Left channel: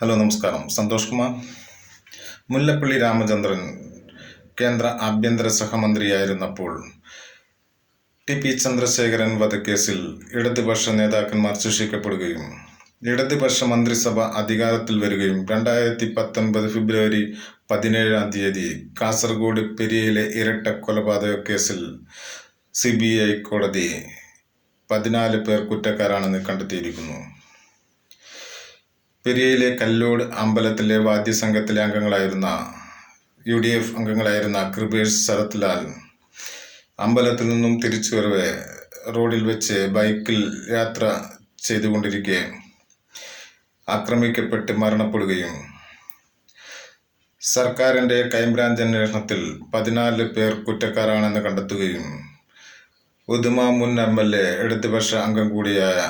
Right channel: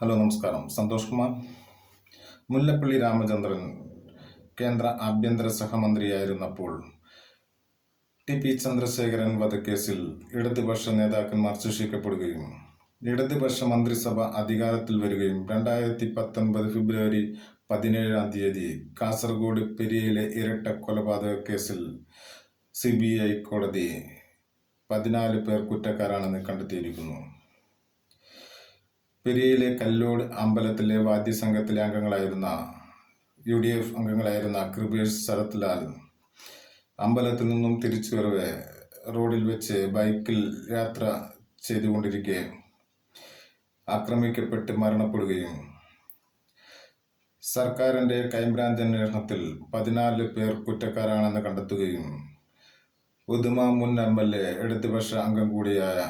Hello നമസ്കാരം. സന്തോഷ് കുമാർ. മുല്ലപ്പള്ളി രാമചന്ദ്രൻ കേന്ദ്ര ആഭ്യന്തര സഹമന്ത്രിയായിരുന്നപ്പോൾ ടി.പി. ചന്ദ്രശേഖരൻ വധക്കേസിൽ ഇടതുപക്ഷ നേതാക്കന്മാർ ശിക്ഷിക്കപ്പെടുകയും ഇടതുപക്ഷ മന്ത്രിസഭ അധികാരത്തിൽ വരികയും 2019 ഫെബ്രുവരി 17 കാസർഗോഡ് പെരിയയിലെ ഇരട്ട കൊലപാതക കേസിൽ CBI കോടതി 14 പേർ കുറ്റക്കാരാണെന്ന് കണ്ടെത്തിയിരിക്കുന്നു. പെരിയയിലെ കല്ലോട് അമ്പലത്തിലെ വാദ്യസംഘത്തിലെ അംഗങ്ങളായിരുന്ന UDF അംഗങ്ങളായിരുന്ന കൃപേഷ്, ശരത് ലാൽ അമ്പലത്തിൽ നിന്നും തിരിച്ചു വരവെ റോഡിൽ വെച്ച് ബൈക്കിൽ യാത്ര ചെയ്തുകൊണ്ടിരിക്കെ ആക്രമിക്കപ്പെട്ട് മരണപ്പെടുകയും സർക്കാരിൻ്റെ ക്രൈംബ്രാഞ്ച് അന്വേഷണത്തിൽ 14 പേർ കുറ്റക്കാരാണെന്ന് കണ്ടെത്തുകയും ഉദുമ മുൻ MLA ഇടതുപക്ഷ അംഗം കൂടിയായ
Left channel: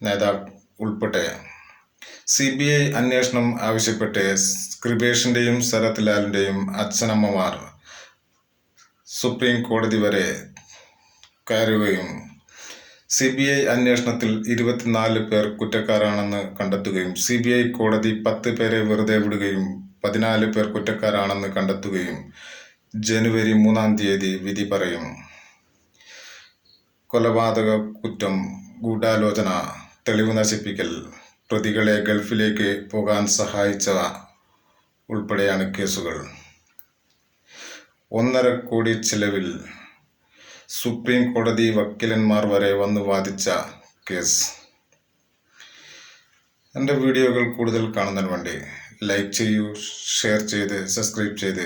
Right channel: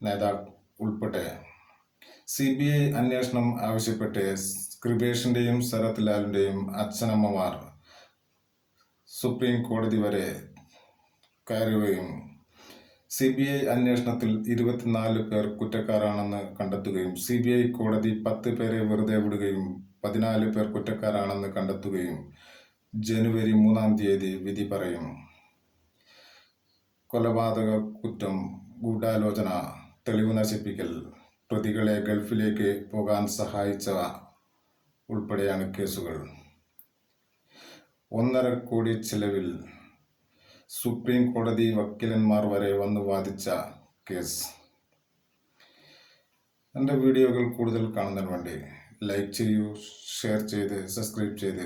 നേതാവ് ഉൾപ്പെടെ CBI അന്വേഷണം ആവശ്യപ്പെട്ട് കൃപേഷിൻ്റെയും ശരത് ലാലിൻ്റെയും അച്ഛനമ്മമാർ സുപ്രീം കോടതി വരെ കയറുകയും CBI അന്വേഷണത്തിൽ 24 പേർ കുറ്റക്കാരാണെന്ന് കണ്ടെത്തുകയും CBI കോടതി 10 പേരെ വെറുതെ വിടുകയും 14 പേർ കുറ്റക്കാരാണെന്ന് കണ്ടെത്തുകയും ജനുവരി 3 വിധി പറയും. കൊലപാതക കുറ്റം, ഗൂഢാലോചന, തെളിവ് നശിപ്പിക്കൽ, പ്രതികളെ ഗൾഫിലേക്ക് പോകാൻ സഹായിച്ചവ ഉൾപ്പെടെയാണ് കേസുകൾ. 1.5 കോടി ചിലവിൽ സുപ്രീം കോടതി വക്കീലന്മാർ വരെ വന്നു വാദിച്ച കേസ്. എൻ്റെ വീഡിയോകൾ കൂടുതൽ കാണുന്നതിന് വേണ്ടി ലൈക്ക് ചെയ്യൂ, ഷെയർ ചെയ്ത് സബ്സ്ക്രൈബ് ചെയ്ത്